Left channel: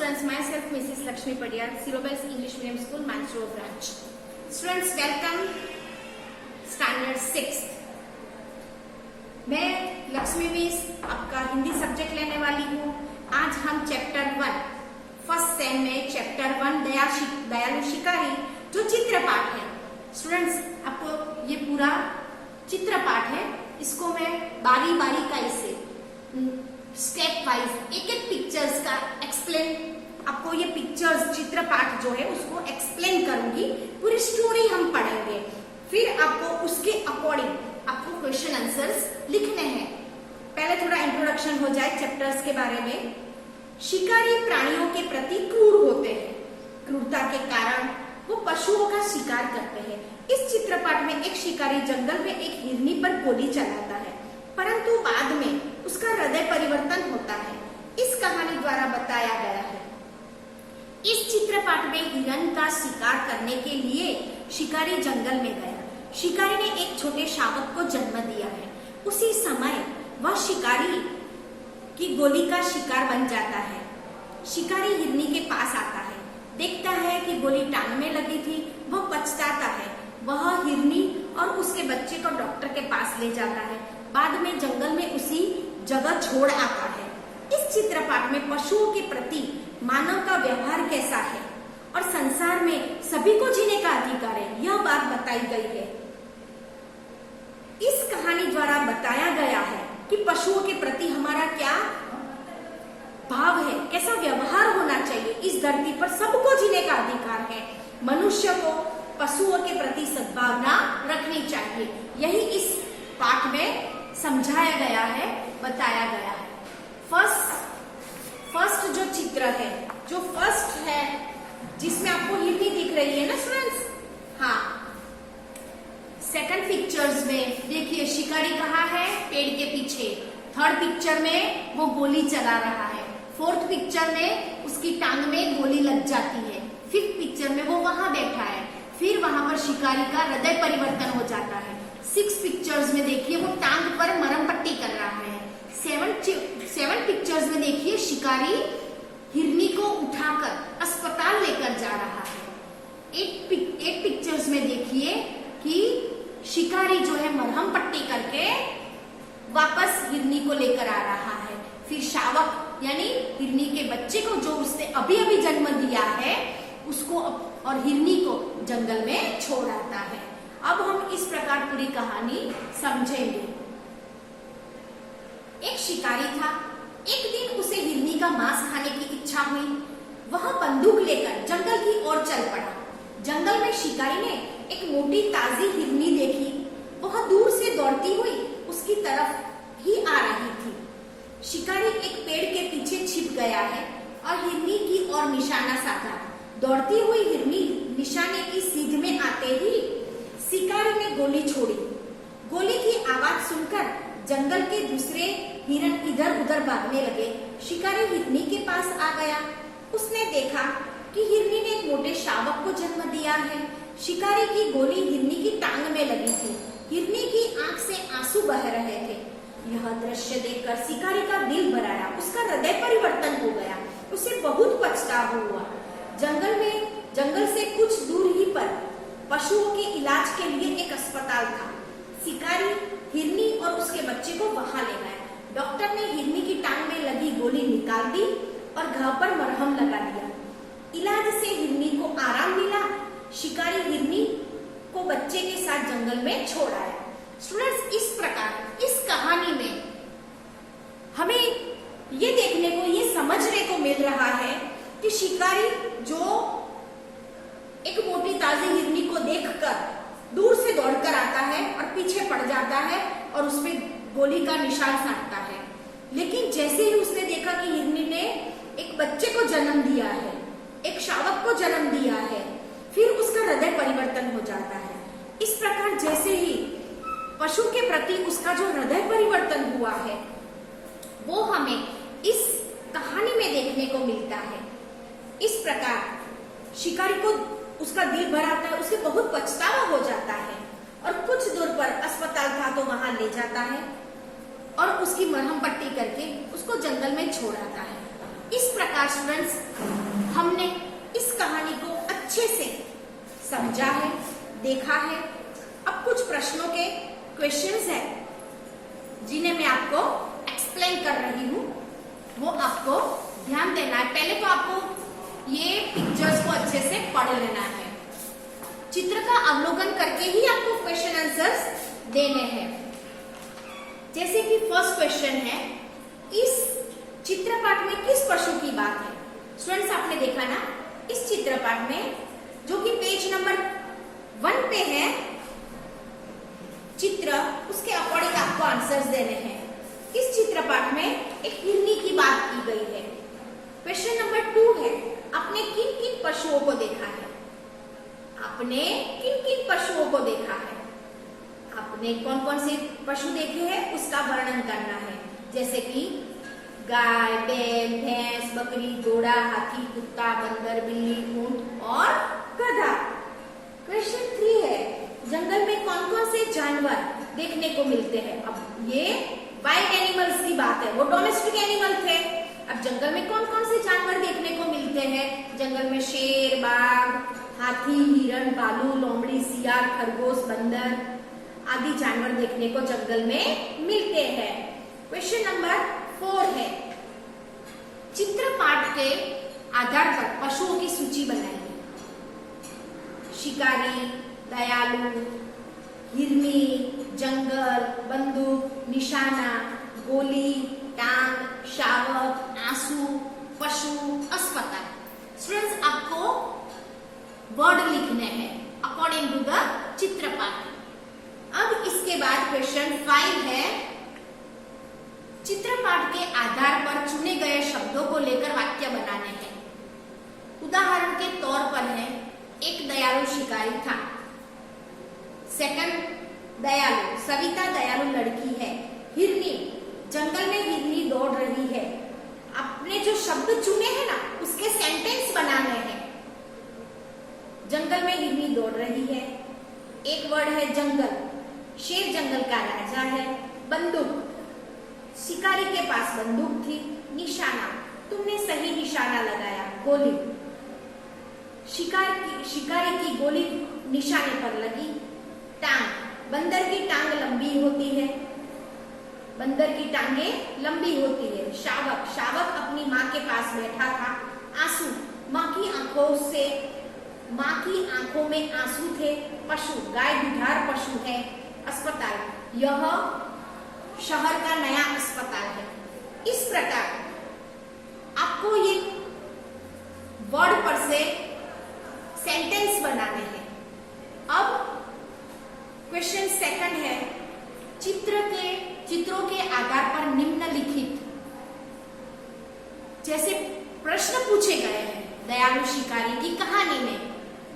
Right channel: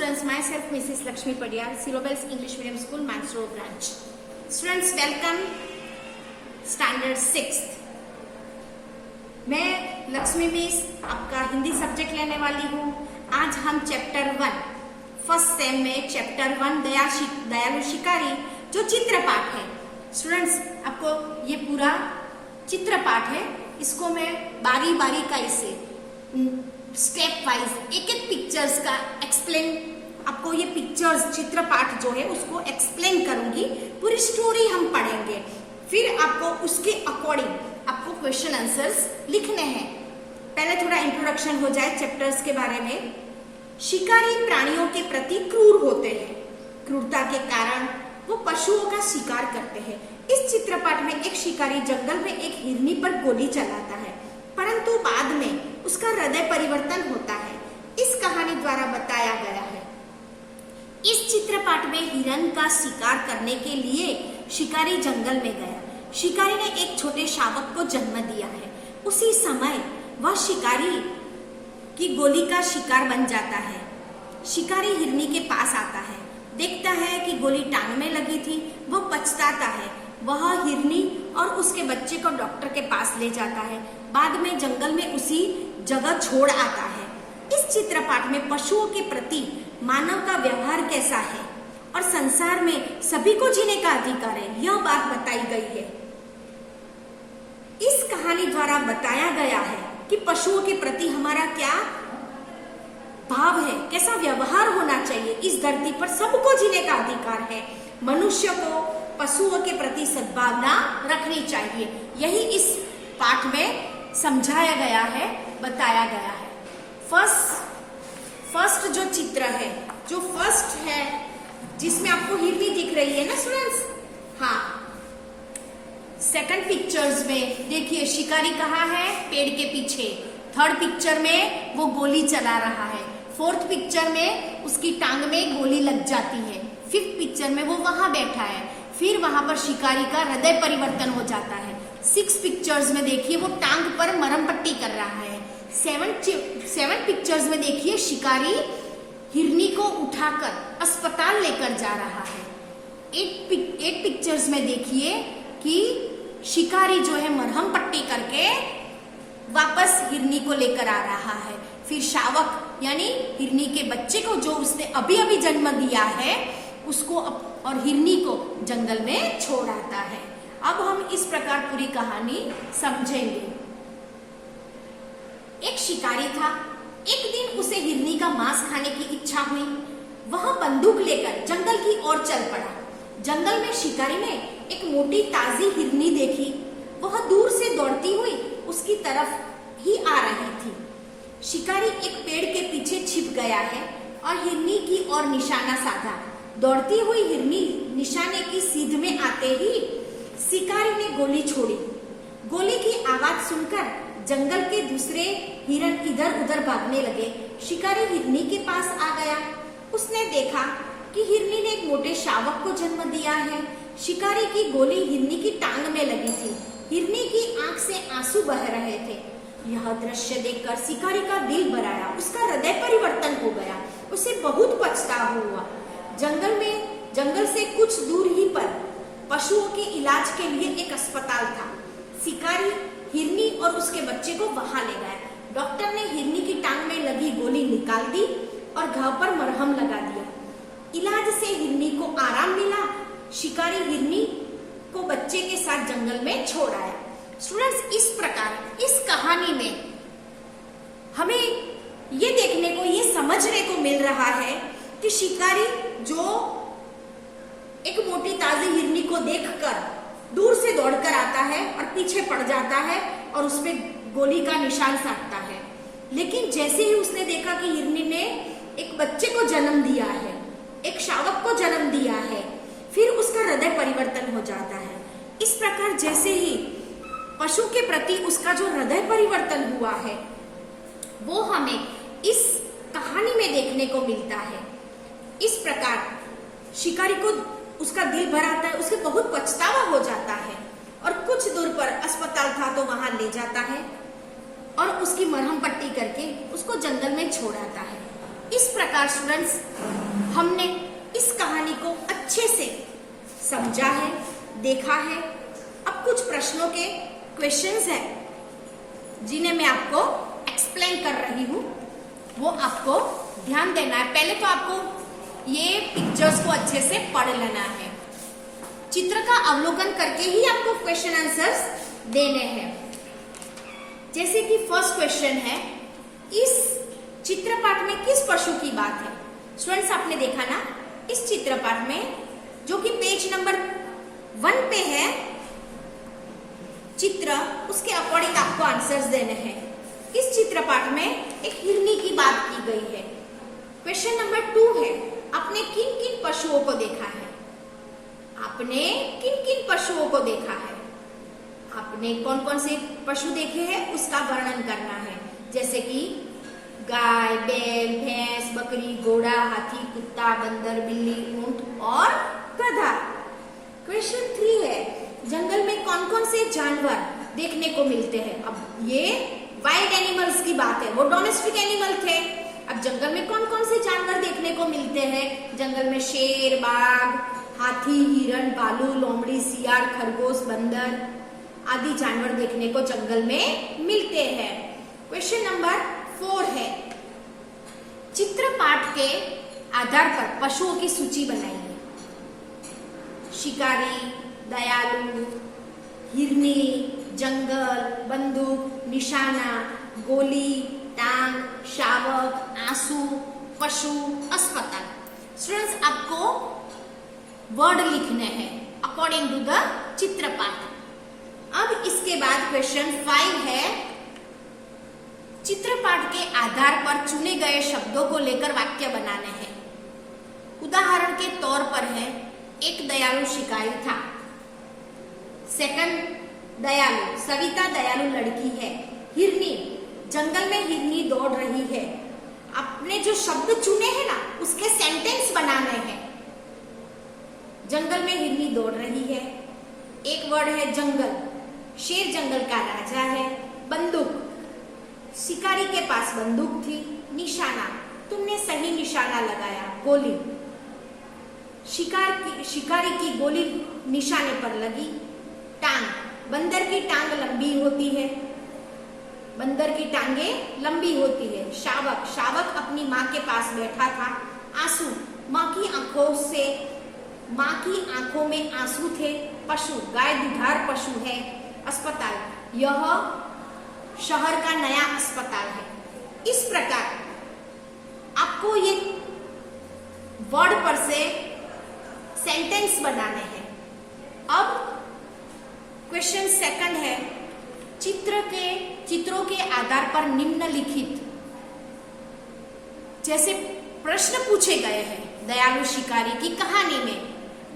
students, myself Mrs. Lakshmi Padiyar, Syllabus English Medium School, Mansro branch. Students, welcome standard 6th. मैं Lakshmi miss आपका Hindi subject लेने वाली हूँ। आज हम चैप्टर 1 फर्स्ट सेम में चैप्टर 1 दयालु शिकारी जो चित्र पाठ है। स्टूडेंट्स, आपको ये पूरा चित्र पाठ है, इसको मैं बारी बारी का इसे स्टेप वाइज एक एक पिक्चर्स का एक्सप्लेन, आपको ये पिक्चर्स चित्र पाठ जो है उसको एक्सप्लेन करूंगी। पूरी स्टोरी हम पढ़ेंगे, फिर आपको उसके अकॉर्डिंग आपको क्वेश्चन आंसर्स लिखने हैं। पहले थोड़ा इंट्रोडक्शन हो जाए चैप्टर्स के बारे में। शिकारी प्राणियों के प्रति क्रूर होते हैं। क्रूरता के कारण वो पशुओं का शिकार करते हैं। इस चित्रपाठ में एक शिकारी जंगल में एक हिरनी पर गोली चलाता है, परंतु बाद में उसका हृदय परिवर्तन होता है। इस कहानी द्वारा बताया गया है। इस चित्रपाठ में हिरण का शिकार करने के लिए शिकारी जंगल में गया। शिकारी ने एक छोटे शावक को जन्म दिया है। उसी समय वह शिकारी की गोली का शिकार बन जाता है। शिकारी हिरनी के पास आता है, देखता है कि गोली टांग में लगी थी। वह पछताता है। वह हिरनी और उसके बच्चे को डॉक्टर के पास ले जाता है। बाद में जंगल में उसी जगह छोड़ आता है। इस चित्रपाठ में पशुओं के प्रति मानव का व्यवहार कैसा है और संसार में सभी को जीने का अधिकार है, यह बात बताई गई है। इस कहानी द्वारा बताया गया है कि पशुओं के प्रति हमारा क्या भाव है, कैसा व्यवहार होना चाहिए। इस धरती पर सबको जीने का अधिकार है। मनुष्य को पशुओं के प्रति सद्भावना रखनी चाहिए। यही इस पाठ में समझाया गया है, बताया गया है। फर्स्ट जो चित्र है, जो फर्स्ट है जिसमें आपको हिरनी दिख रही है ना स्टूडेंट्स, हाँ। सेकंड पिक्चर्स में देखिए शिकारी कहाँ है, पेड़ के पीछे। थर्ड पिक्चर में वो गोली चला रहा है। फोर्थ पिक्चर में उसकी टांग में गोली लग जाती है। फिफ्थ पिक्चर में वो वहां बैठा है। फिर वहां पर शिकारी का हृदय परिवर्तन हो जाता है। सिक्स पिक्चर्स में देखिए वो टांग पर मरहम पट्टी कर रहा है। सेवन पिक्चर्स में देखिए शिकारी हिरनी को उठाकर अस्पताल लेकर जा रहा है। एट पिक्चर्स में देखिए कि शिकारी जो है मरहम पट्टी करके वापस हिरनी को लेकर आ रहा है। फिर शावक यानी हिरनी के बच्चे को जो उसने अभी अभी जन्म दिया है उसको और हिरनी को जंगल में छोड़ आता है। अब हम इस प्रकार पूरी कहानी समझेंगे। एक शिकारी था। एक दिन उसे हिरनी का मांस खाने की इच्छा हुई। वह बंदूक लेकर जंगल की ओर चल पड़ा। जंगल में शिकारी ने एक मोटी ताजी हिरनी देखी। वह दूर से दौड़ती हुई उसकी तरफ ही आ रही थी। शिकारी एक पेड़ के पीछे छिप गया है और हिरनी की ओर निशाना साधा। दौड़ती हुई हिरनी निशाने की सीध में आते ही शिकारी ने गोली छोड़ी। गोली की आवाज सुनकर जंगल के दूसरे हिरण इधर उधर भागने लगे। शिकारी हिरनी के पास आ गया। उसने देखा कि हिरनी ने एक मोटे शावक को जन्म दिया है। शिकारी की गोली हिरनी की टांग में लगी थी। हिरनी की आंख से आंसू बह रहे थे। यह दृश्य देखकर शिकारी का दिल भर आया। उसका हृदय परिवर्तन हो गया। उसे बहुत पछतावा हुआ। जंगल से कुछ दूर ही पर पशुओं के इलाज के लिए एक अस्पताल था। शिकारी हिरनी और उसके बच्चे को वहां ले गया। डॉक्टर ने हिरनी की टांग में लगी गोली निकाल दी और घाव पर मरहम लगा दिया। इलाज से हिरनी को आराम मिला। शिकारी हिरनी को बच्चे के साथ जंगल में छोड़ आया। स्टूडेंट्स, इस प्रकार इस कहानी में हमें ये देखने को, ये समझने को मिल रहा है कि शिकारी जो एक मोटी ताजी हिरनी को देखकर दूर से दौड़कर आता है और पीछे पड़ जाता है और उस पे गोली का निशान साधता है। लेकिन जैसे ही उसने देखा कि हिरनी ने एक बच्चे को जन्म दिया है, एक शावक को जन्म दिया है, फिर उसका हृदय परिवर्तन हो जाता है। इस प्रकार जैसे ही पशु के प्रति उसका जो हृदय परिवर्तन हुआ है वो हमें इस कहानी में देखने को मिलता है। इस प्रकार शिकारी को उसका दिल भर आता है। उसे बहुत पछतावा हो जाता है और कुछ दूर पर अस्पताल था तो वहां ले जाता है और उसकी मरहम पट्टी करके उसको जंगल में छोड़ आता है। इस प्रकार स्टूडेंट्स हमने इस कहानी को अच्छे से समझा है, देखा है। अब कुछ प्रश्नों के क्वेश्चंस हैं जिन्हें मैं आपको एक्सप्लेन कर रही हूँ, वो आपको ध्यान देना है। पहले तो आपको ये पिक्चर्स को अच्छे से पढ़ लेना है। चित्र का अवलोकन करके ही आपको क्वेश्चन आंसर्स देने हैं। जैसे कि फर्स्ट क्वेश्चन है, इस चित्रपाठ में किस पशु की बात है? स्टूडेंट्स आपने देखा ना, इस चित्रपाठ में जो कि पेज नंबर 1 पे है चित्र, उसके अकॉर्डिंग आपको आंसर्स देने हैं। इस चित्रपाठ में एक हिरनी की बात की गई है। क्वेश्चन नंबर 2 है, आपने किन किन पशुओं को देखा है? आपने किन किन पशुओं को देखा है? आपने कौन कौन से पशु देखे हैं उसका वर्णन करना है, जैसे कि गाय, बैल, भैंस, बकरी, घोड़ा, हाथी, कुत्ता, बंदर, बिल्ली, ऊंट और गधा। क्वेश्चन 3 है, जंगल में कौन कौन से जानवर देखने को मिलते हैं? अब ये वाइल्ड एनिमल्स की बात है, वो डोमेस्टिक एनिमल थे। अब जंगल में कौन कौन से जानवर देखने को मिलते हैं? जंगल में शेर, बाघ, हाथी, हिरण, भालू, लोमड़ी, सियार, खरगोश, बंदर आदि जानवर देखने को जंगल में मिलते हैं। क्वेश्चन नंबर 4 है, चित्रपाठ के आधार पर पशुओं की सूची बनाइए। शिकारी, दयालु, हिरनी, जंगल, बंदूक, निशाना, गोली, टांग, शावक, आंसू, पशु, अस्पताल। स्टूडेंट्स आपको वर्ड लिखने हैं अकॉर्डिंग टू द चित्रपाठ। अब इसके बाद क्वेश्चन 5 है, चित्रपाठ के आधार पर चुने गए शब्दों को लेकर वाक्य बनाने हैं। उदाहरण के तौर पर है, एक दयालु शिकारी था। सेकंड, दयालु, सविता दयालु लड़की है। हिरनी, जंगल में हिरनी दौड़ रही है। आपने जो शब्द चुने हैं ना, उसके सेंटेंस बनाने हैं। जंगल में हिरनी दौड़ रही है। एक वर्ड है जंगल, शेर जंगल का राजा है। बंदूक, शिकारी के पास बंदूक थी। निशाना, तुमने सही निशाना लगाया। गोली, शिकारी की गोली निशाने पर लगी। टांग, बंदर की टांग लंबी होती है। बंदर की टांगे लंबी होती है। शावक, शावक अपनी माँ के पास बैठा था। आंसू, माँ की आंखों में आंसू थे। पशु, गाय दुधार पशु है। अस्पताल, यह शहर का नया अस्पताल है। इस प्रकार आपको ये वर्ड पर से सेंटेंस बनाने हैं। अब क्वेश्चन 2 है, चित्रों के आधार पर निम्नलिखित जैसे प्रश्न पूछे गए हैं दयालु शिकारी की कहानी में,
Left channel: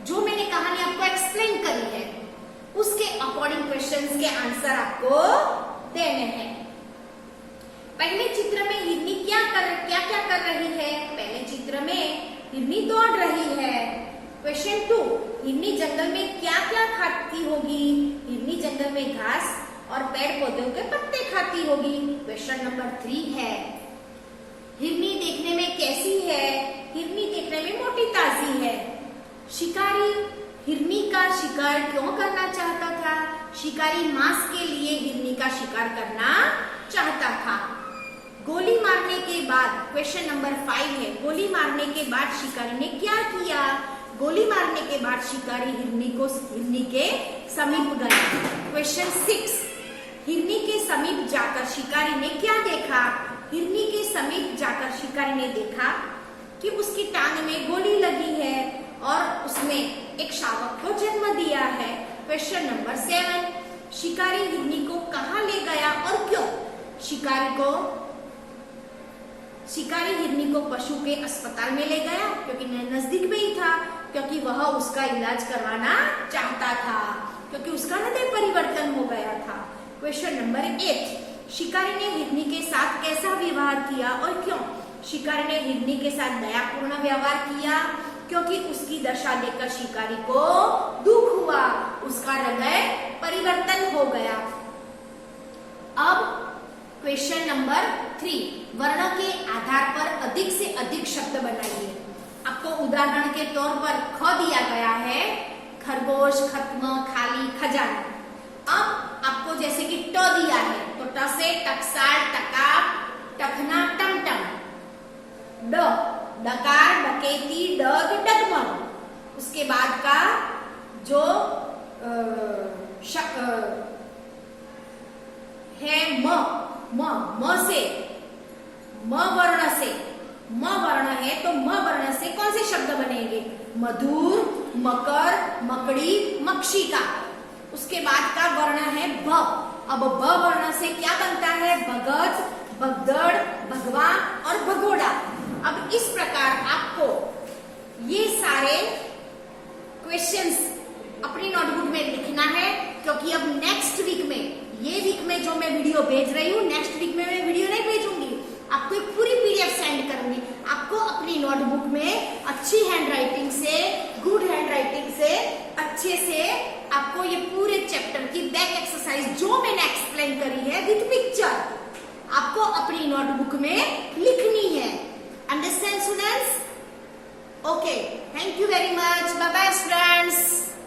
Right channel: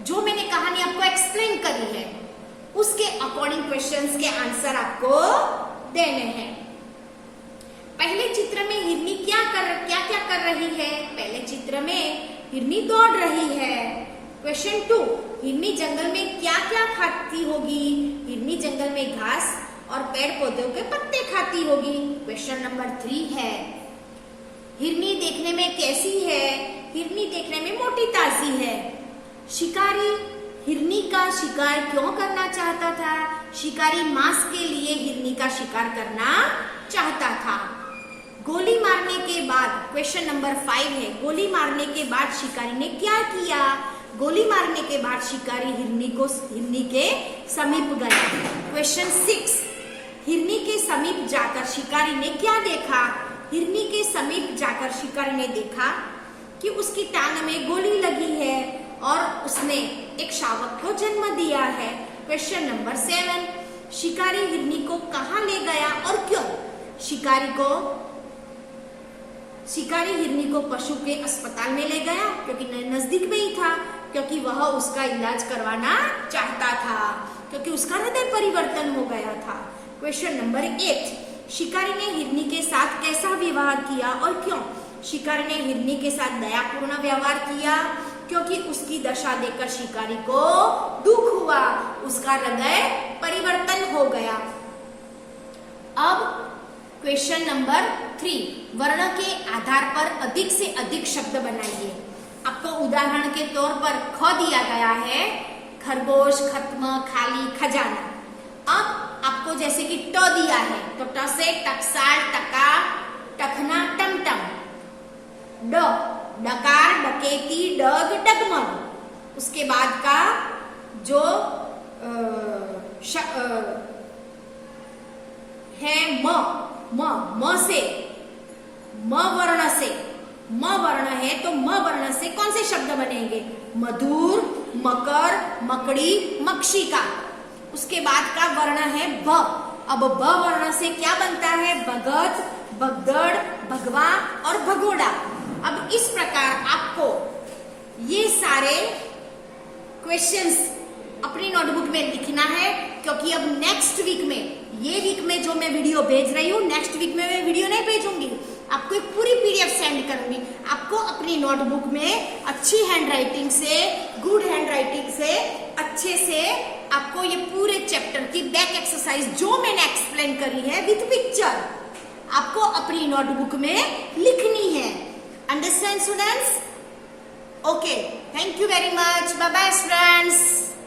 जो मैंने कहानी आपको एक्सप्लेन करी है, उसके अकॉर्डिंग क्वेश्चंस के आंसर आपको देने हैं। पहले चित्र में हिरनी क्या कर रही है? पहले चित्र में हिरनी दौड़ रही है। क्वेश्चन 2, हिरनी जंगल में क्या क्या खाती होगी? हिरनी जंगल में घास और पेड़ पौधों के पत्ते खाती होगी। क्वेश्चन नंबर 3 है, हिरनी देखने में कैसी है? हिरनी देखने में मोटी ताजी है। शिकारी हिरनी का शिकार क्यों करना चाहता था? शिकारी मांस के लिए हिरनी का शिकार करना चाहता था। गोली मारने के बाद, क्वेश्चन नंबर 5 है, गोली मारने के बाद शिकारी ने क्या किया? गोली मारने के बाद शिकारी हिरनी के समीप गया। क्वेश्चन 6, हिरनी के समीप जाकर शिकारी ने क्या देखा? हिरनी के समीप जाकर शिकारी ने देखा कि उसकी टांग में गोली लगी है और उसने एक शावक को जन्म दिया है। क्वेश्चन नंबर 7, शिकारी हिरनी को कहाँ ले गया और क्यों? शिकारी हिरनी को पशु के अस्पताल में ले गया क्योंकि नजदीक में ही था, क्योंकि वह उसका इलाज करवाना चाहता था, क्योंकि उसका हृदय परिवर्तन हो गया था। क्वेश्चन नंबर 8, शिकारी ने हिरनी के साथ कैसा व्यवहार किया और क्यों? शिकारी ने हिरनी के साथ दयापूर्ण व्यवहार किया क्योंकि उसकी दशा देखकर शिकारी को दुख हुआ, उसका हृदय परिवर्तन हो गया। अब क्वेश्चन नंबर 3 वर्ण के आधार पर अधिक से अधिक शब्द बनाइए। आपको उदाहरण के तौर पर ख दिया गया है, खरगोश, खत्म, खाली, खजाना। अब आपको जैसे कि ट दिया है तो ट से टकसाल, टका, टखना, टमटम। ड डकार, डकेती, डग, डगमग। उसके बाद का जो है म से, म वर्ण है तो म वर्ण से कौन से शब्द बनेंगे? मधुर, मकर, मकड़ी, मक्षिका। उसके बाद का वर्ण है भ। अब भ वर्ण से क्या बनता है? भगत, भगदड़, भगवा और भगोड़ा। अब इस प्रकार आपको ये सारे क्वेश्चंस अपनी नोटबुक में लिखना है, क्योंकि अब नेक्स्ट वीक में, ये वीक में जो मैं वीडियो भेज रही हूँ, नेक्स्ट वीक में मैं वीडियो नहीं भेजूंगी, आपको एक पूरी पीडीएफ सेंड करूंगी। आपको अपनी नोटबुक में अच्छी हैंडराइटिंग से, गुड हैंडराइटिंग से, अच्छे से आपको ये पूरे चैप्टर की बैक एक्सरसाइज जो मैंने एक्सप्लेन करी है विद पिक्चर, आपको अपनी नोटबुक में लिखनी है। Understand students? Okay, thank you very much, bye bye friends.